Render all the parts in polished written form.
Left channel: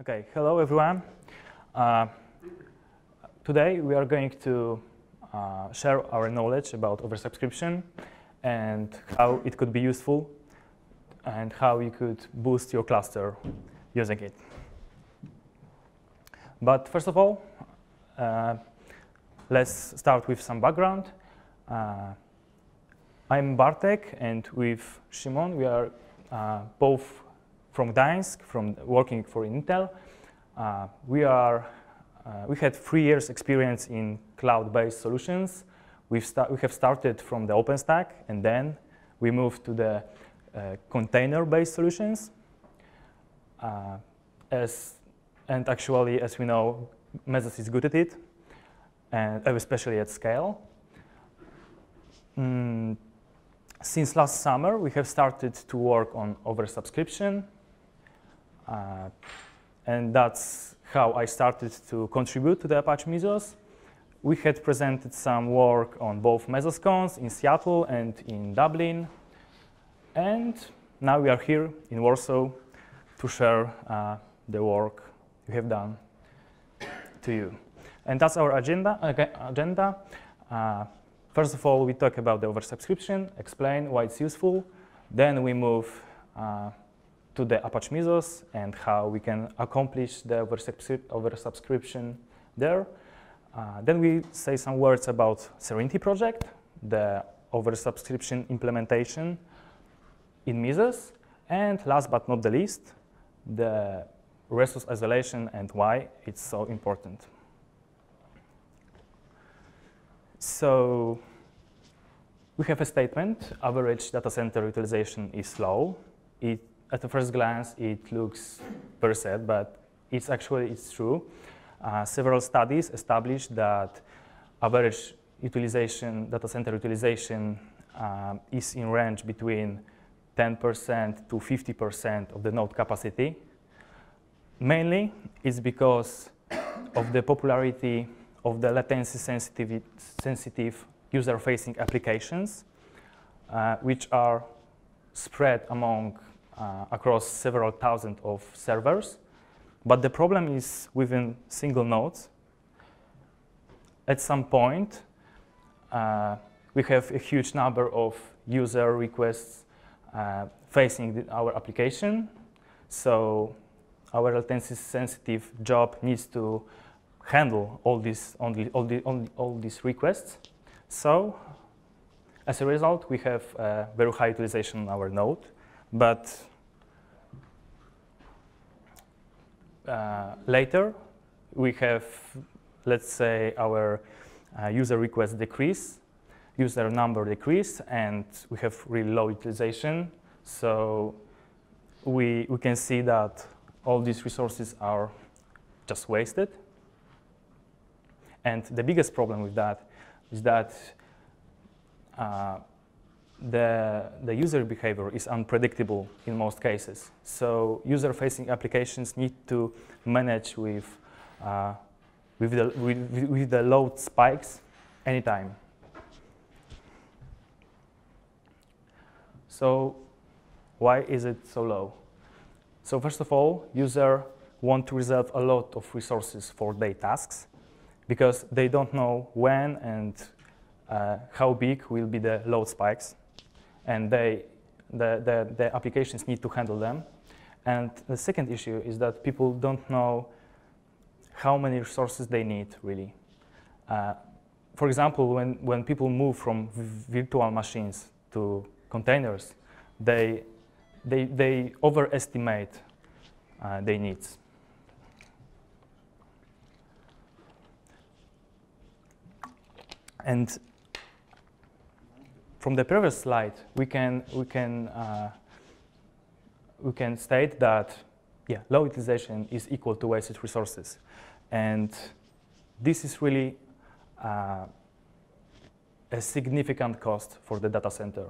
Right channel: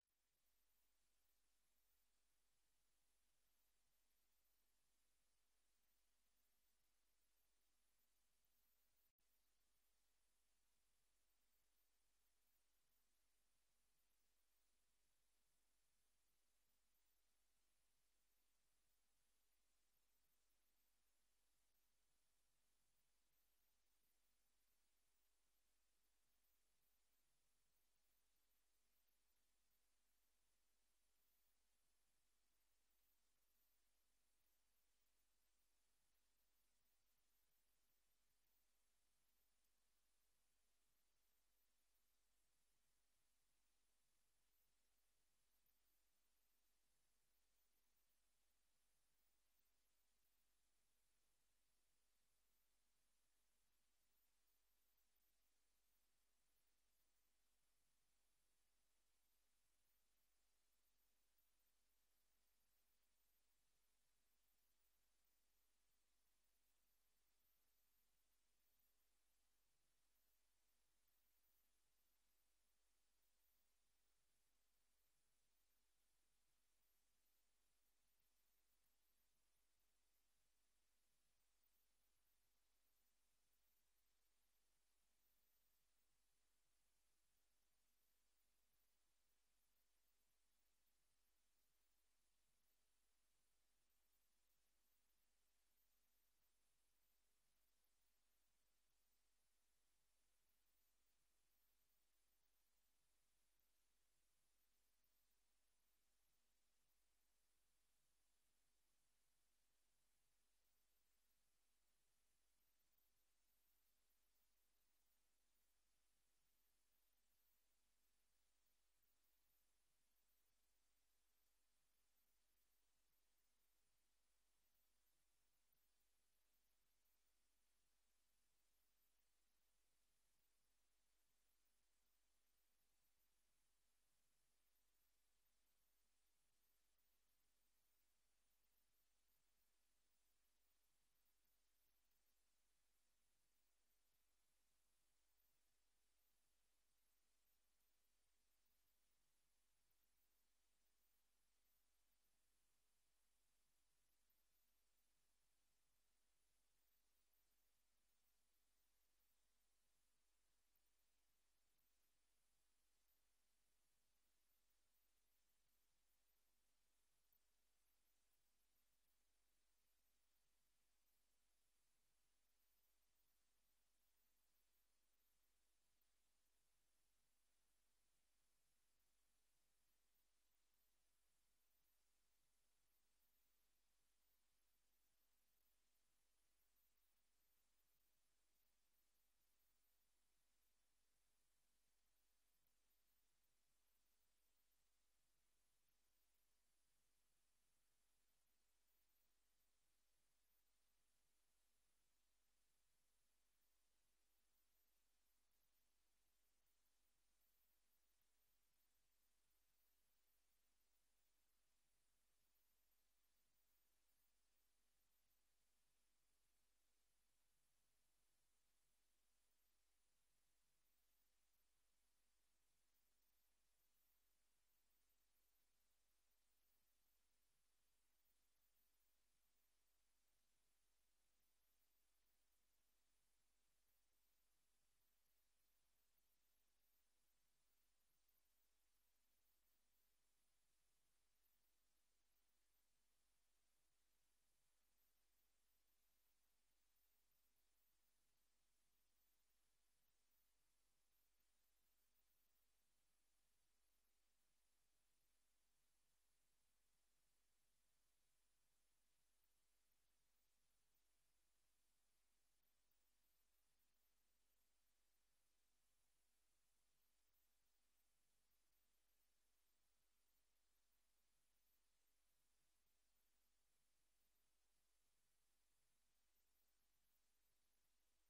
Okay, hello everyone. Today we are going to share our knowledge about oversubscription and how it could be useful and how you could boost your cluster using it. But first of all, let's start with some background. I'm Bartek, and with Szymon, we are both from Gdańsk, working for Intel. We had 3 years experience in cloud-based solutions. We have started from the OpenStack, and then we moved to the container-based solutions. And actually, as we know, Mesos is good at it, and especially at scale. Since last summer, we have started to work on oversubscription. And that's how I started to contribute to the Apache Mesos. We had presented some work on both MesosCons in Seattle and in Dublin. And now we are here in Warsaw to share the work we have done to you. And that's our agenda. First of all, we talk about the oversubscription, explain why it's useful. Then we move to the Apache Mesos and how we can accomplish the oversubscription there. Then we say some words about Serenity project, the oversubscription implementation in Mesos. And last but not the least, the resource isolation and why it's so important. So we have a statement: average data center utilization is low. At the first glance, it looks very sad, but it's true. Several studies established that average utilization, data center utilization, is in range between 10% to 50% of the node capacity. Mainly, it's because of the popularity of the latency-sensitive user-facing applications, which are spread across several thousand of servers. But the problem is within single nodes. At some point, we have a huge number of user requests facing our application. So our latency-sensitive job needs to handle all these requests. So as a result, we have very high utilization on our node. But later, we have, let's say, our user requests decrease, user number decrease, and we have really low utilization. So we can see that all these resources are just wasted. And the biggest problem with that is that the user behavior is unpredictable in most cases. So user-facing applications need to manage with the load spikes anytime. So why is it so low? So first of all, users want to reserve a lot of resources for their tasks because they don't know when and how big will be the load spikes. And the applications need to handle them. And the second issue is that people don't know how many resources they need, really. For example, when people move from virtual machines to containers, they overestimate their needs. And from the previous slide, we can state that low utilization is equal to wasted resources, and this is really a significant cost for the data center.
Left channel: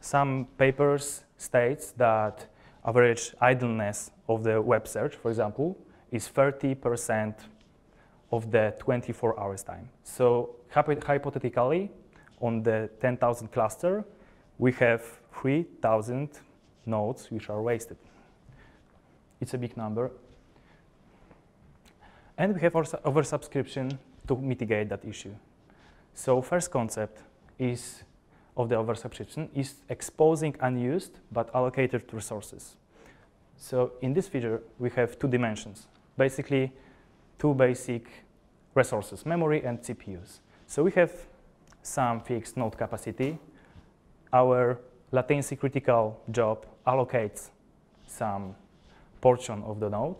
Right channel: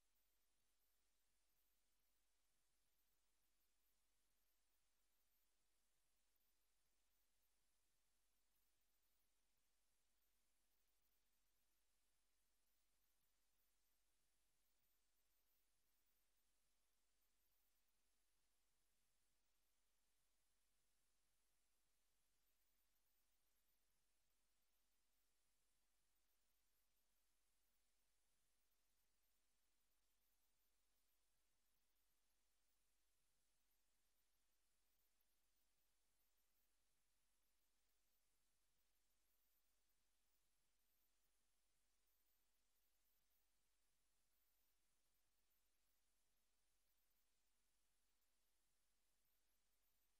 Some papers states that average idleness of the web search, for example, is 30% of the 24 hours time. So hypothetically, on the 10,000 cluster, we have 3,000 nodes which are wasted. It's a big number. And we have oversubscription to mitigate that issue. So first concept is of the oversubscription is exposing unused but allocated resources. So in this feature, we have two dimensions, basically two basic resources, memory and CPUs. So we have some fixed node capacity. Our latency critical job allocates some portion of the node,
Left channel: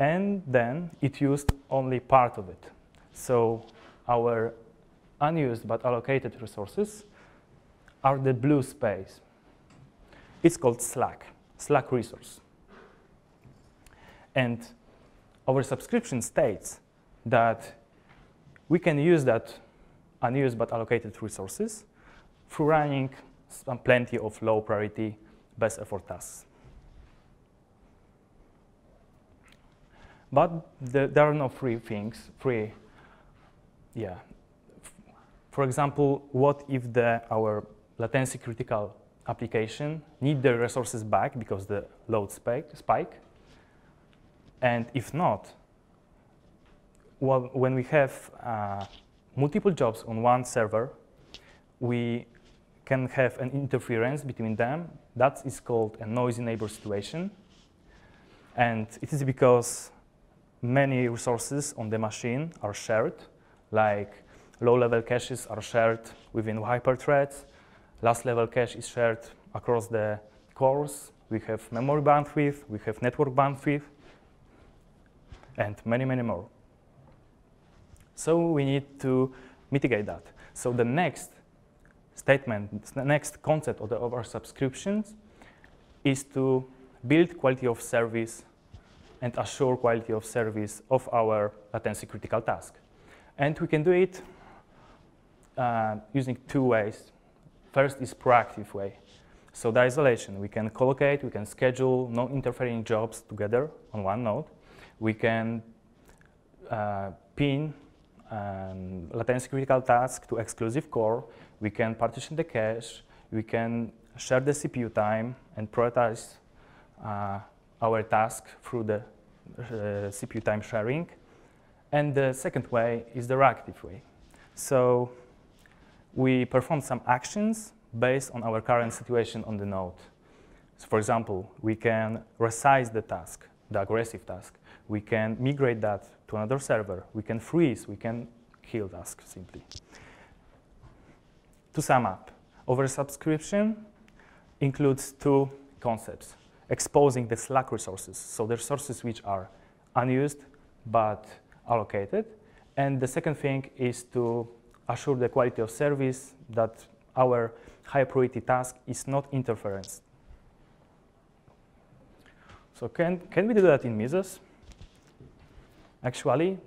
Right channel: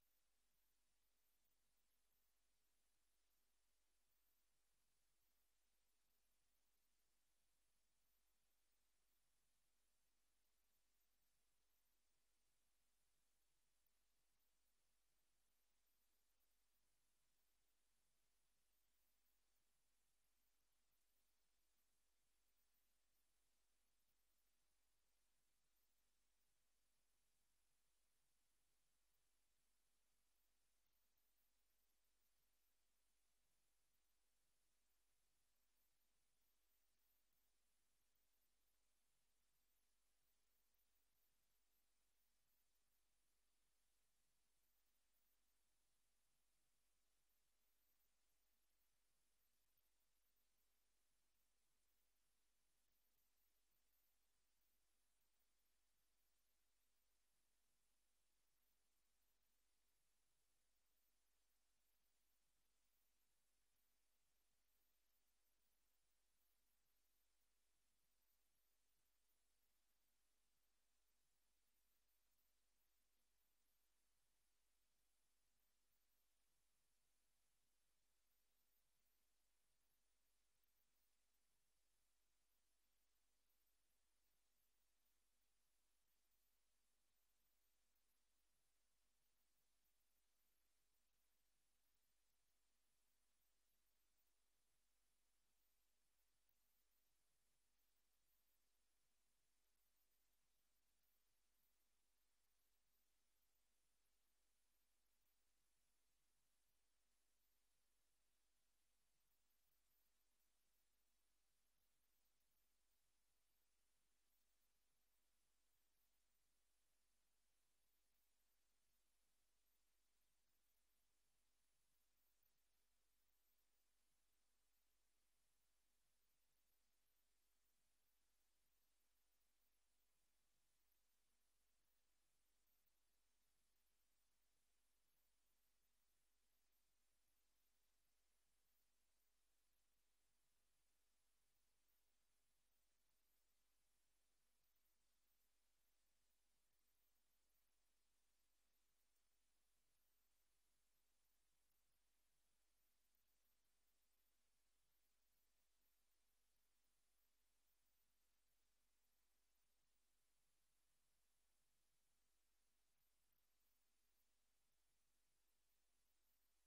and then it used only part of it. So our unused but allocated resources are the blue space. It's called slack resource. And our subscription states that we can use that unused but allocated resources through running plenty of low priority, best effort tasks. But there are no free things, For example, what if our latency critical application need the resources back because the load spike? And if not, well, when we have multiple jobs on one server, we can have an interference between them. That is called a noisy neighbor situation. And it is because many resources on the machine are shared, like low-level caches are shared within hyperthreads. Last-level cache is shared across the cores. We have memory bandwidth, we have network bandwidth, and many, many more. So we need to mitigate that. So the next statement, the next concept of the oversubscriptions is to build quality of service and assure quality of service of our latency critical task. And we can do it using two ways. First is proactive way. So the isolation, we can collocate, we can schedule non-interfering jobs together on one node. We can pin latency critical task to exclusive core. We can partition the cache. We can share the CPU time and prioritize our task through the CPU time sharing. And the second way is the reactive way. So we perform some actions based on our current situation on the node. So for example, we can resize the task, the aggressive task. We can migrate that to another server. We can freeze. We can kill task simply. To sum up, oversubscription includes two concepts: exposing the slack resources, so the resources which are unused but allocated. And the second thing is to assure the quality of service, that our high priority task is not interference. So can we do that in Mesos? Actually,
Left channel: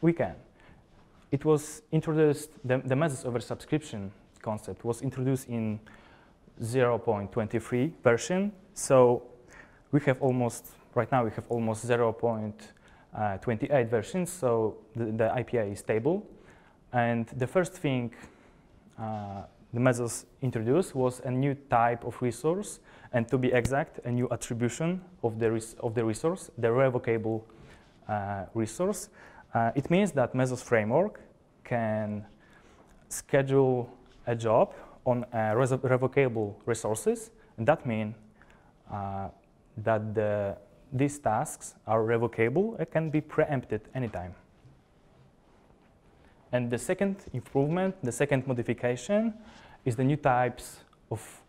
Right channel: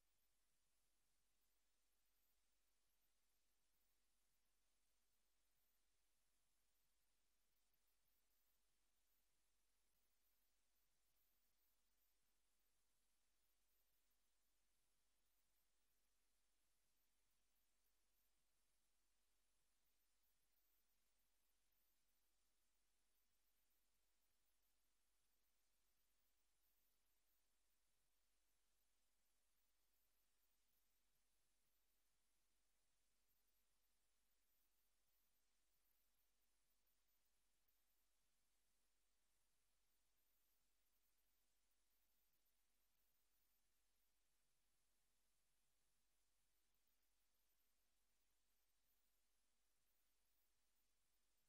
we can. It was introduced, the Mesos oversubscription concept was introduced in 0.23 version. So we have almost, right now we have almost 0.28 versions, so the IPA is stable. And the first thing the Mesos introduced was a new type of resource, and to be exact, a new attribution of the resource, the revocable resource. It means that Mesos framework can schedule a job on revocable resources, and that means that these tasks are revocable and can be preempted anytime. And the second improvement, the second modification, is the new types of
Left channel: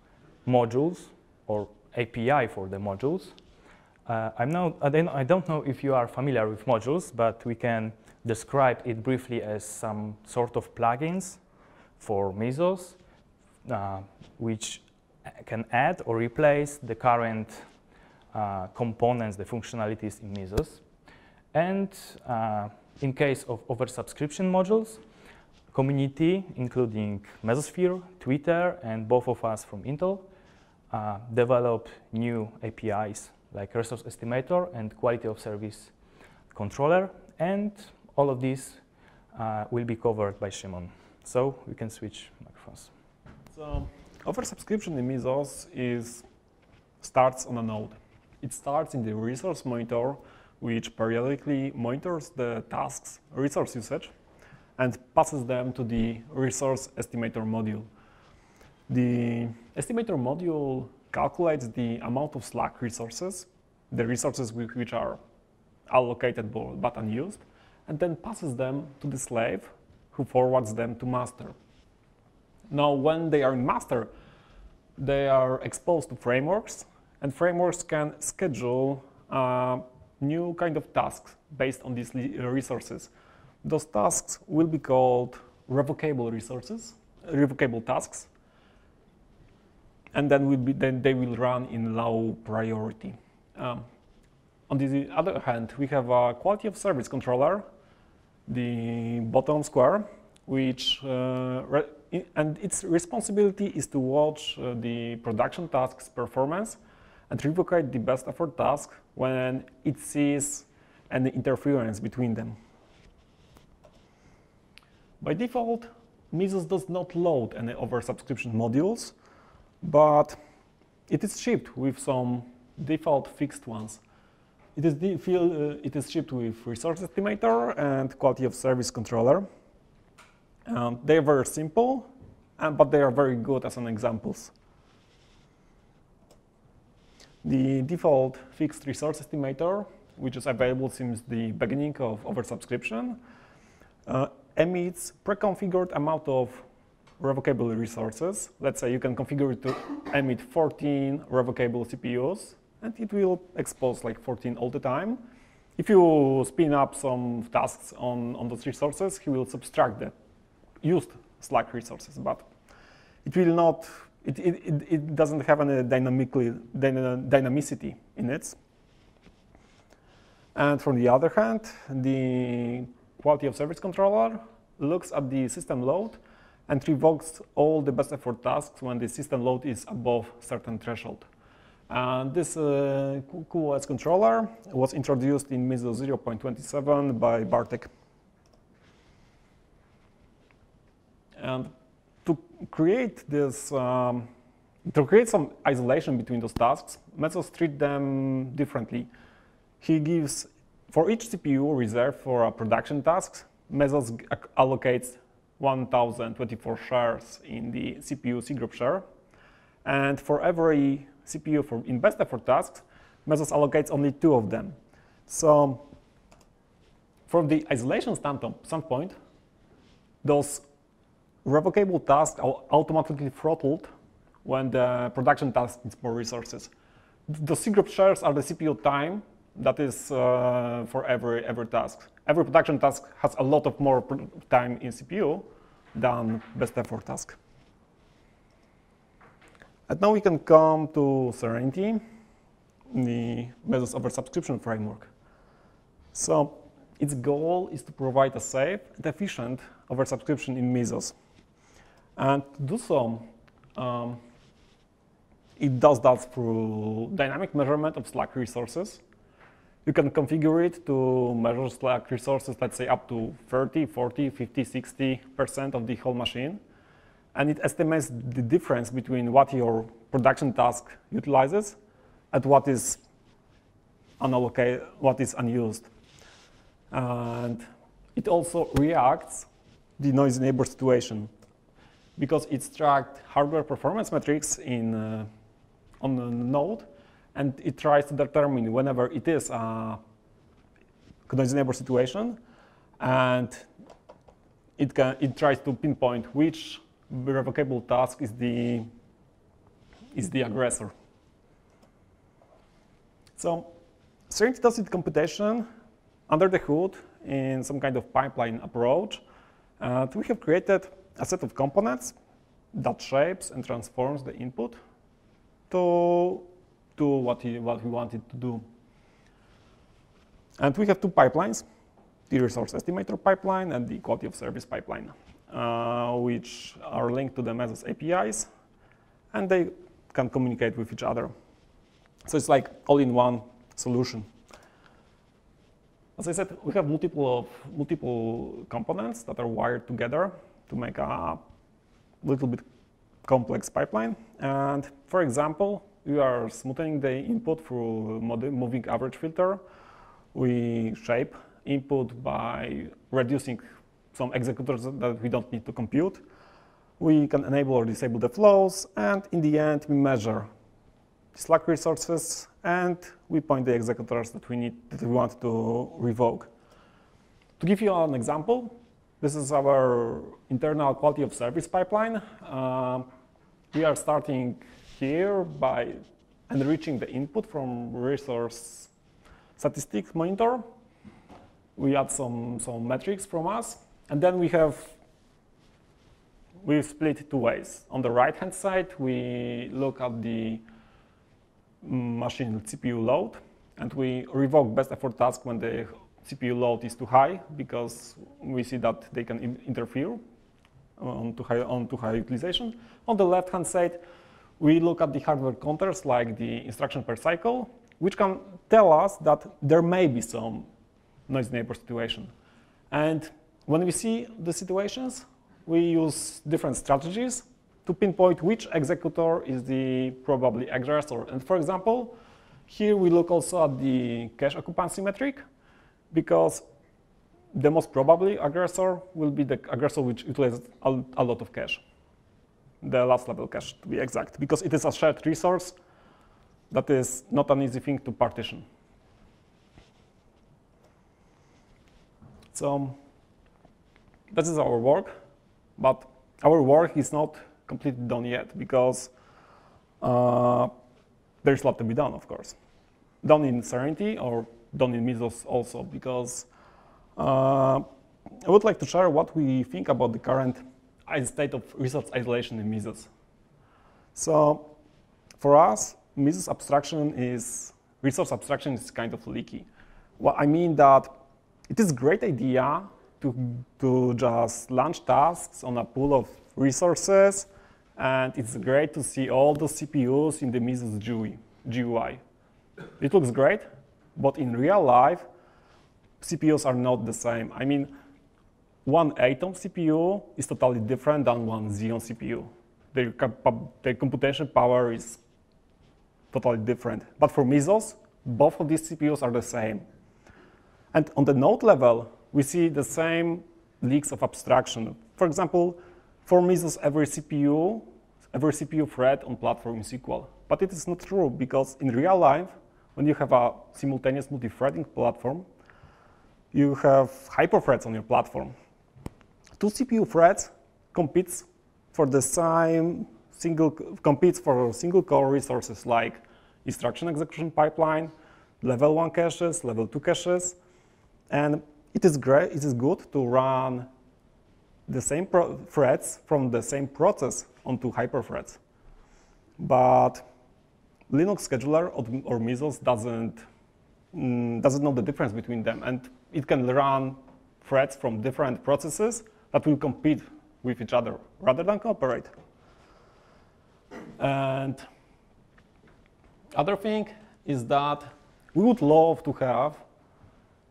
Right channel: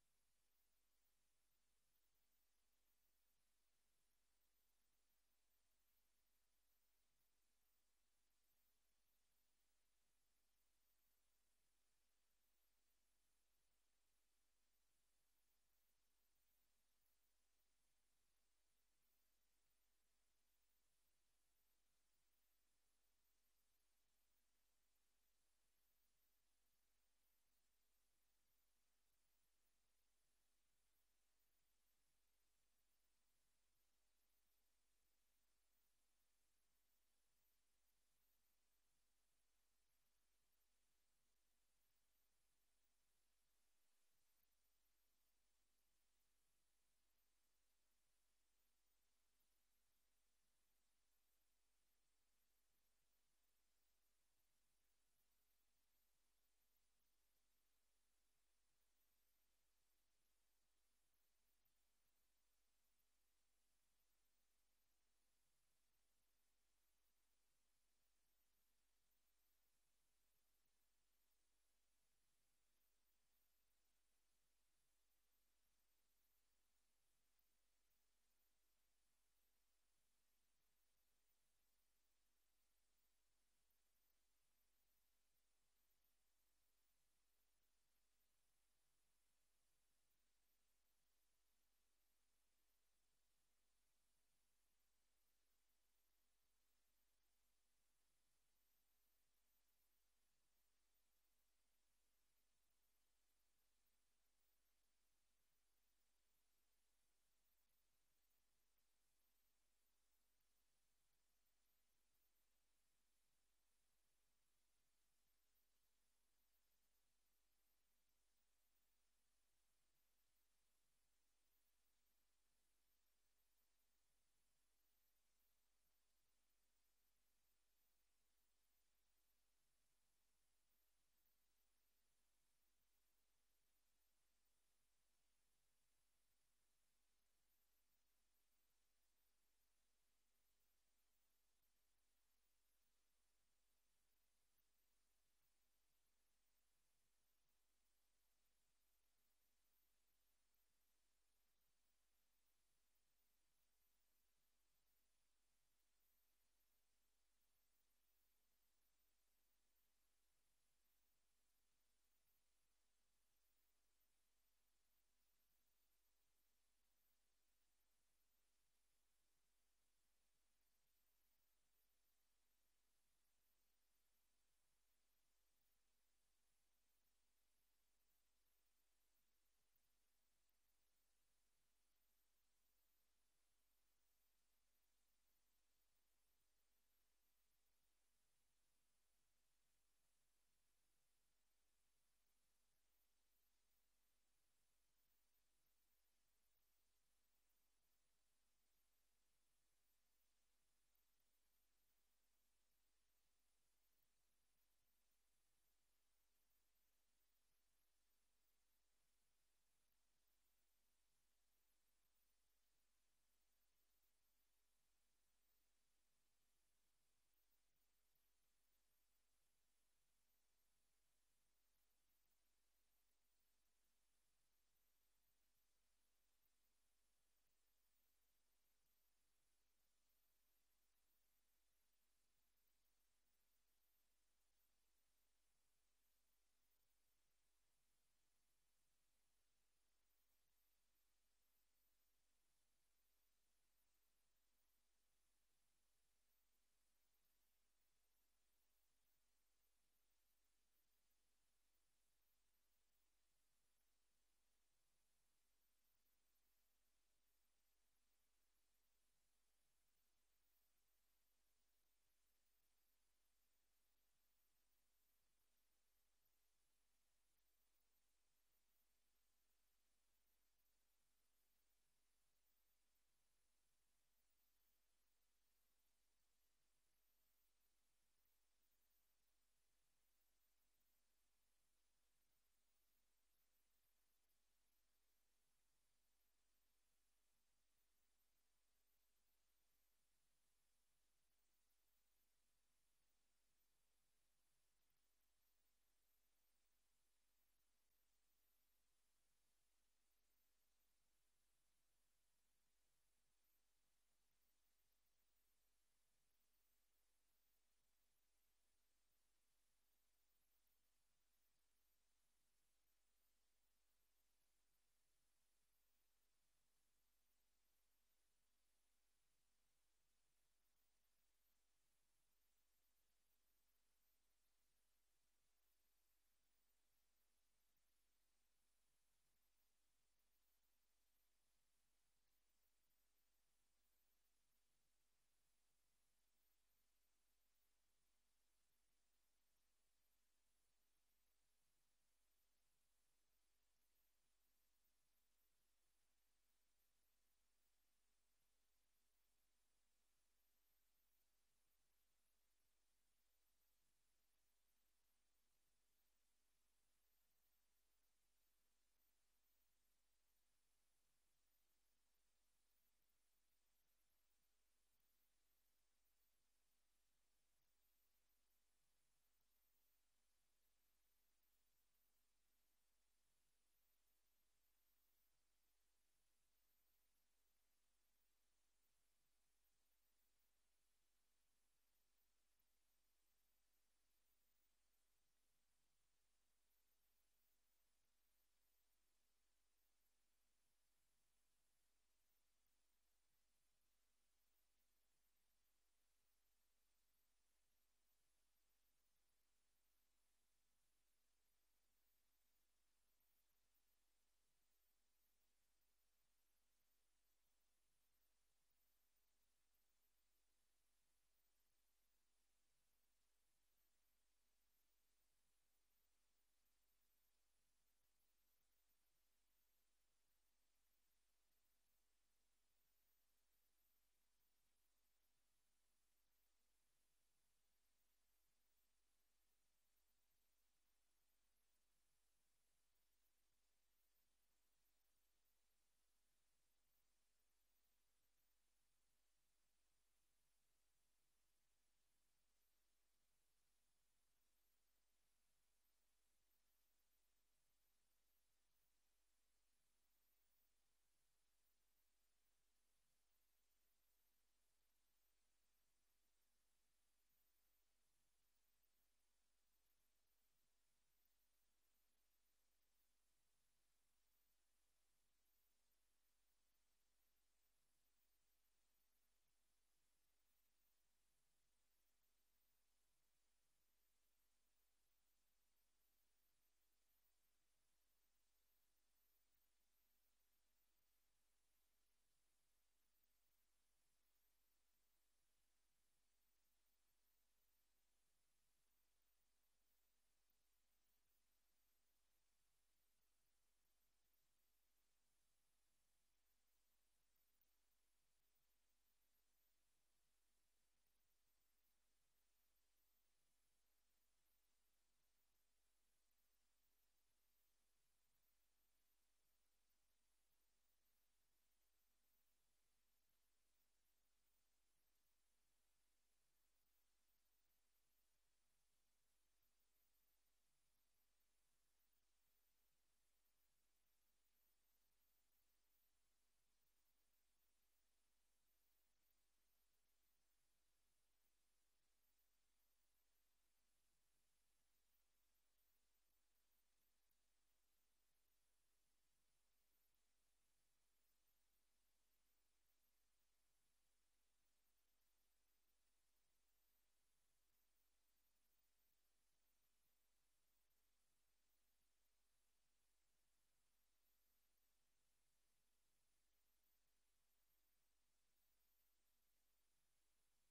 modules or API for the modules. I don't know if you are familiar with modules, but we can describe it briefly as some sort of plugins for Mesos, which can add or replace the current components, the functionalities in Mesos. And in case of oversubscription modules, community, including Mesosphere, Twitter, and both of us from Intel, develop new APIs like resource estimator and quality of service controller, and all of these will be covered by Szymon. So we can switch microphones. So Oversubscription in Mesos starts on a node. It starts in the resource monitor, which periodically monitors the task's resource usage and passes them to the resource estimator module. The estimator module calculates the amount of Slack resources, the resources which are allocated but unused, and then passes them to the slave, who forwards them to master. Now, when they are in master, they are exposed to frameworks, and frameworks can schedule new kind of tasks based on these resources. Those tasks will be called revocable tasks, and then they will run in low priority. On the other hand, we have a quality of service controller, the bottom square, which and its responsibility is to watch the production task's performance and revocate the best effort task when it sees any interference between them. By default, Mesos does not load any oversubscription modules, but it is shipped with some default fixed ones. It is shipped with resource estimator and quality of service controller. They are very simple, but they are very good as an examples. The default fixed resource estimator, which is available since the beginning of oversubscription, emits pre-configured amount of revocable resources. Let's say you can configure it to emit 14 revocable CPUs, and it will expose like 14 all the time. If you spin up some tasks on those resources, he will subtract the used Slack resources, but it will not. It doesn't have any dynamicity in it. And from the other hand, the quality of service controller looks at the system load and revokes all the best effort tasks when the system load is above certain threshold. And this QoS controller was introduced in Mesos 0.27 by Bartek. And to create this, to create some isolation between those tasks, Mesos treat them differently. He gives, for each CPU reserved for a production task, Mesos allocates 1,024 shares in the CPU cgroup share. And for every CPU in best effort tasks, Mesos allocates only 2 of them. So from the isolation standpoint, those revocable tasks are automatically throttled when the production task needs more resources. The cgroup shares are the CPU time that is for every task. Every production task has a lot of more time in CPU than best effort task. And now we can come to Serenity, the Mesos Oversubscription framework. So its goal is to provide a safe and efficient oversubscription in Mesos. And to do so, it does that through dynamic measurement of Slack resources. You can configure it to measure Slack resources, let's say up to 30, 40, 50, 60% of the whole machine. And it estimates the difference between what your production task utilizes and what is unallocated, what is unused. And it also reacts the noisy neighbor situation, because it's tracked hardware performance metrics on the node, and it tries to determine whenever it is a noisy neighbor situation, and it tries to pinpoint which revocable task is the aggressor. So Serenity does its computation under the hood in some kind of pipeline approach. We have created a set of components that shapes and transforms the input to what we want it to do. And we have 2 pipelines, the resource estimator pipeline and the quality of service pipeline, which are linked to the Mesos APIs, and they can communicate with each other. So it's like all-in-one solution. As I said, we have multiple components that are wired together to make a little bit complex pipeline. And for example, we are smoothing the input through moving average filter. We shape input by reducing some executors that we don't need to compute. We can enable or disable the flows, and in the end, we measure slack resources, and we point the executors that we want to revoke. To give you an example, this is our internal quality of service pipeline. We are starting here by enriching the input from resource statistics monitor. We add some metrics from us, and then we split it two ways. On the right-hand side, we look at the machine CPU load, and we revoke best effort task when the CPU load is too high, because we see that they can interfere on too high utilization. On the left-hand side, we look at the hardware counters, like the instruction per cycle, which can tell us that there may be some noisy neighbor situation. And when we see the situations, we use different strategies to pinpoint which executor is the probably aggressor. And for example, here we look also at the cache occupancy metric, because the most probably aggressor will be the aggressor which utilizes a lot of cache, the last level cache to be exact, because it is a shared resource that is not an easy thing to partition. So this is our work, but our work is not completely done yet, because there's a lot to be done, of course. Done in Serenity or done in Meadows also, because I would like to share what we think about the current state of resource isolation in Meadows. So for us, Meadows resource abstraction is kind of leaky. Well, I mean that it is a great idea to just launch tasks on a pool of resources, and it's great to see all the CPUs in the Meadows GUI. It looks great, but in real life, CPUs are not the same. I mean, one Atom CPU is totally different than one Xeon CPU. Their computation power is totally different. But for Meadows, both of these CPUs are the same. And on the node level, we see the same leaks of abstraction. For example, for Meadows, every CPU thread on platform is equal. But it is not true, because in real life, when you have a simultaneous multi-threading platform, you have hyperthreads on your platform. Two CPU threads competes for single core resources like instruction execution pipeline, level 1 caches, level 2 caches, and it is great. It is good to run the same threads from the same process onto hyperthreads. But Linux scheduler or Meadows doesn't know the difference between them, and it can run threads from different processes that will compete with each other rather than cooperate. And other thing is that we would love to have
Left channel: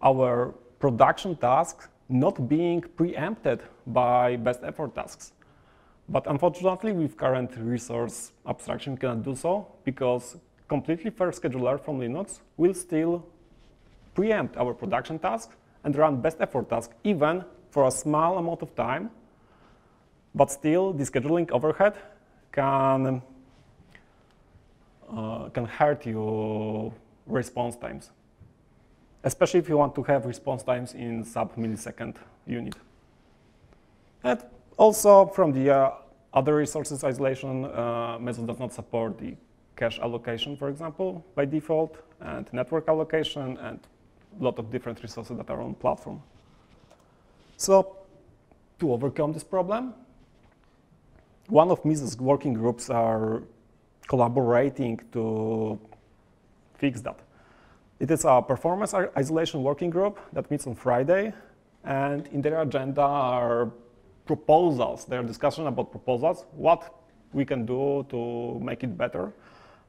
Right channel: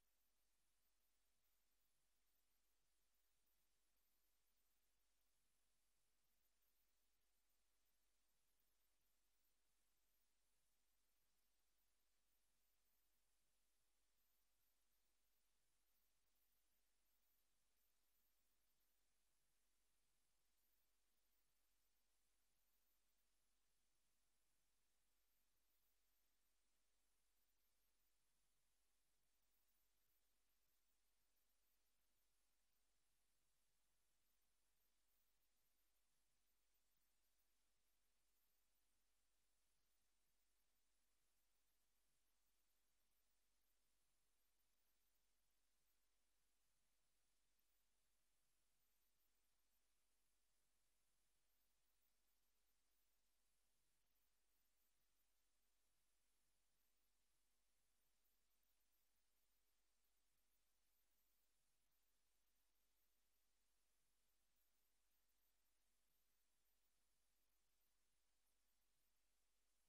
our production tasks not being preempted by best effort tasks. But unfortunately, with current resource abstraction, we cannot do so, because completely fair scheduler from Linux will still preempt our production tasks and run best effort tasks, even for a small amount of time. But still, the scheduling overhead can hurt your response times, especially if you want to have response times in sub-millisecond unit. And also, from the other resources isolation, Mesos does not support the cache allocation, for example, by default, and network allocation, and a lot of different resources that are on platform. So, to overcome this problem, one of Mesos working groups are collaborating to fix that. It is a performance isolation working group that meets on Friday, and in their agenda are proposals. There are discussions about proposals, what we can do to make it better.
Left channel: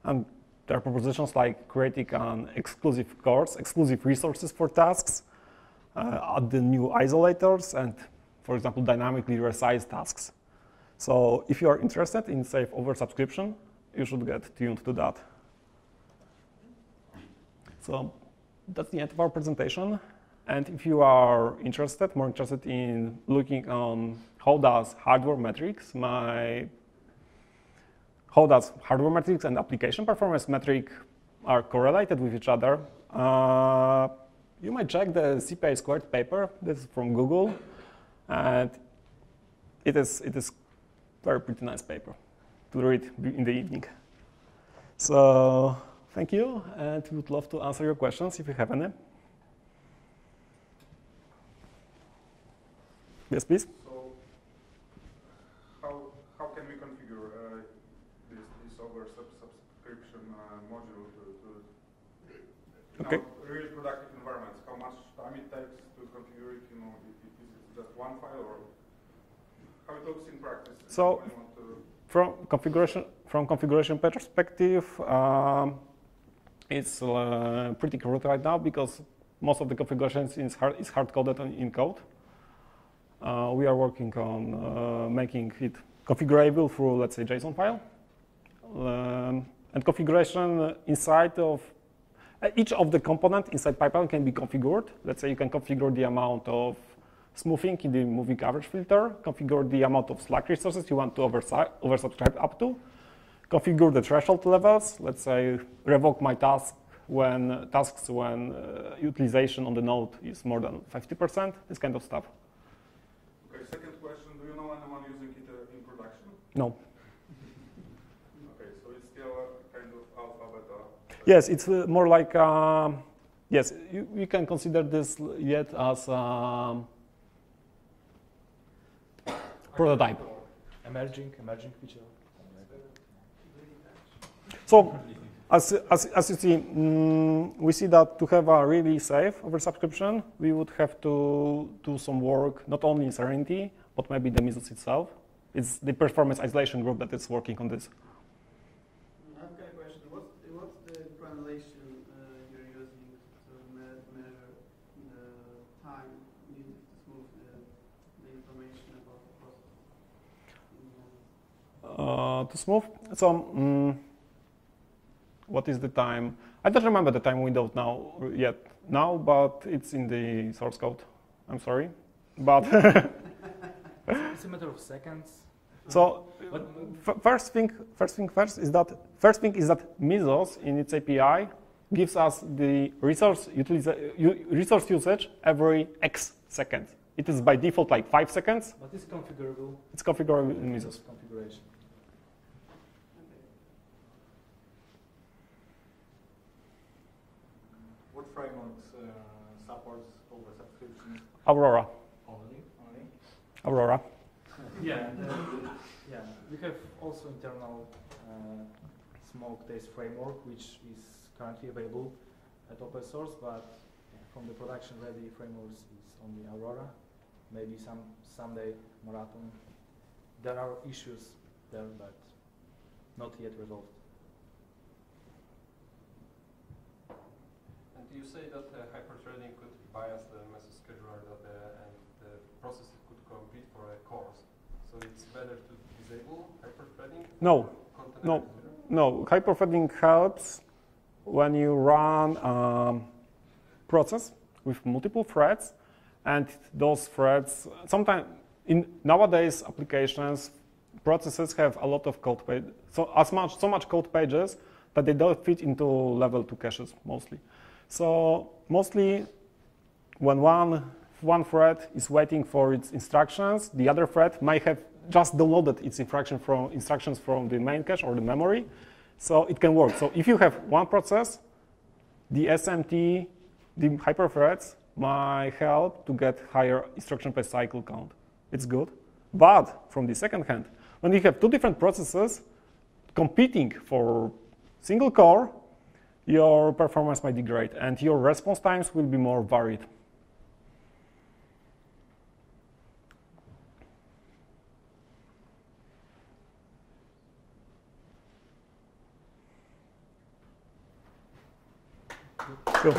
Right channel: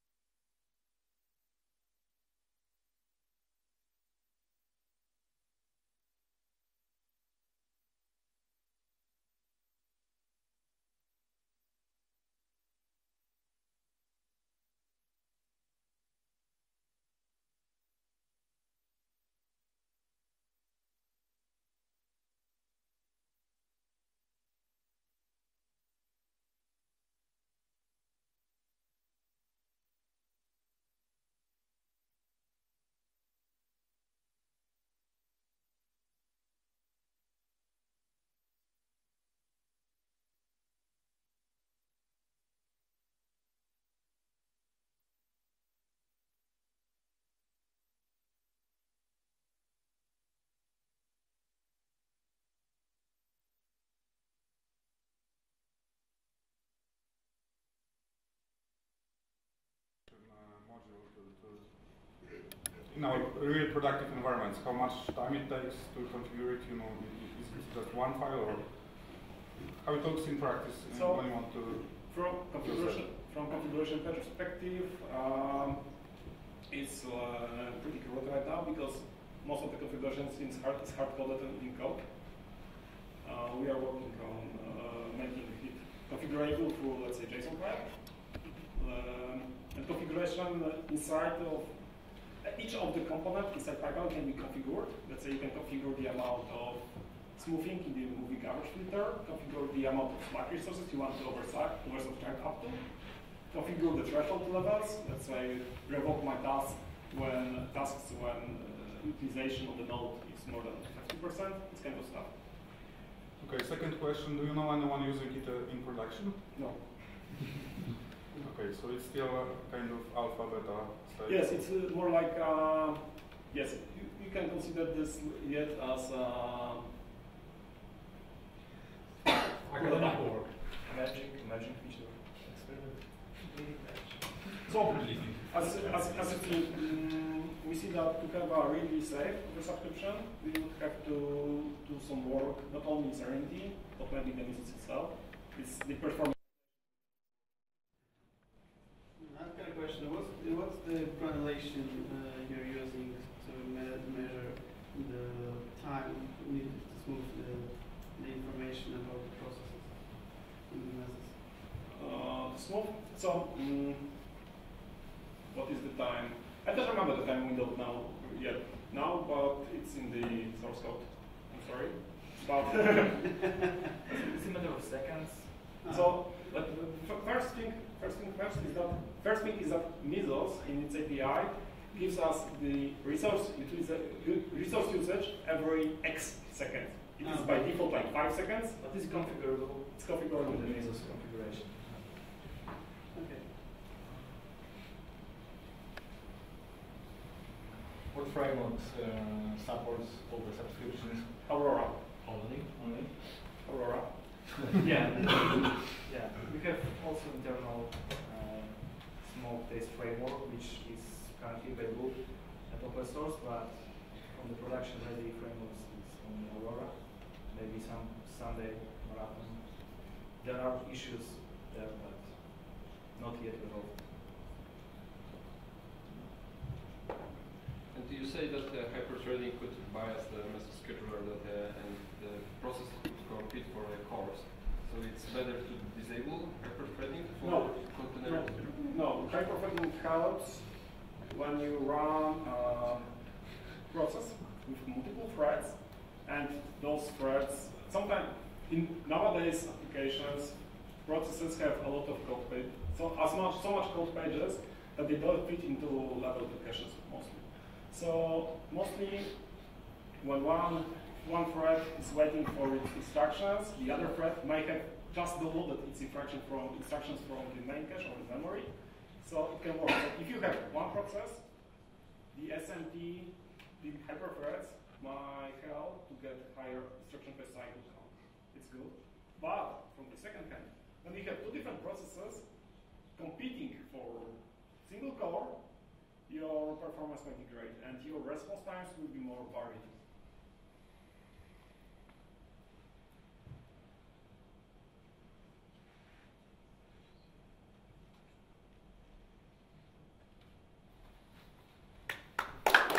And there are propositions like creating an exclusive course, exclusive resources for tasks, add the new isolators, and, for example, dynamically resize tasks. So if you are interested in safe oversubscription, you should get tuned to that. So that's the end of our presentation. And if you are more interested in looking on how does hardware metrics and application performance metric are correlated with each other, you might check the CPI squared paper. This is from Google, and it is very pretty nice paper to read in the evening. So thank you, and we would love to answer your questions if you have any. Yes, please. So, how can we configure this oversubscription module in our real productive environments? How much time it takes to configure it? You know, is it just one file, or how it looks in practice? So, when you want to from configuration perspective, it's pretty crude right now because most of the configurations is hard-coded in code. We are working on making it configurable through, let's say, JSON file. And configuration inside of each of the components inside pipeline can be configured. Let's say you can configure the amount of smoothing in the moving average filter, configure the amount of Slack resources you want to oversubscribe up to, configure the threshold levels. Let's say revoke my tasks when utilization on the node is more than 50%, this kind of stuff. Okay, second question, do you know anyone using it in production? No. Okay, so it's still a kind of alpha, beta. Yes, it's more like, yes, you can consider this yet as prototype. Emerging feature. So, as you see, we see that to have a really safe oversubscription, we would have to do some work, not only in Serenity, but maybe the Mesos itself. It's the performance isolation group that is working on this. I've got a question. What's the granulation you're using to measure the time needed to smooth the information about the processes in the Mesos? To smooth, so what is the time? I don't remember the time window now, but it's in the source code. I'm sorry, but It's a matter of seconds. So first thing is that Mesos in its API gives us the resource usage every X seconds. It is by default like 5 seconds. But is it configurable? It's configurable in Mesos. Configuration. Okay. What framework supports oversubscriptions? Aurora. Only? Aurora. Yeah. Yeah. We have also internal smoke-based framework, which is currently available at open source, but from the production-ready frameworks, it's only Aurora. Maybe someday Marathon. There are issues there, but not yet resolved. And do you say that hyperthreading could bias the Mesos scheduler and the process could compete for a course? So it's better to disable hyperthreading? No. Hyperthreading helps when you run a process with multiple threads, and those threads sometimes nowadays applications processes have a lot of code pages, so much code pages that they don't fit into level 2 caches mostly. So mostly when one thread is waiting for its instructions, the other thread might have just downloaded its instructions from the main cache or the memory, so it can work. So if you have one process, the SMT, the hyperthreads might help to get higher instruction per cycle count. It's good. But from the second hand, when you have two different processes competing for single core, your performance might degrade and your response times will be more varied. Cool.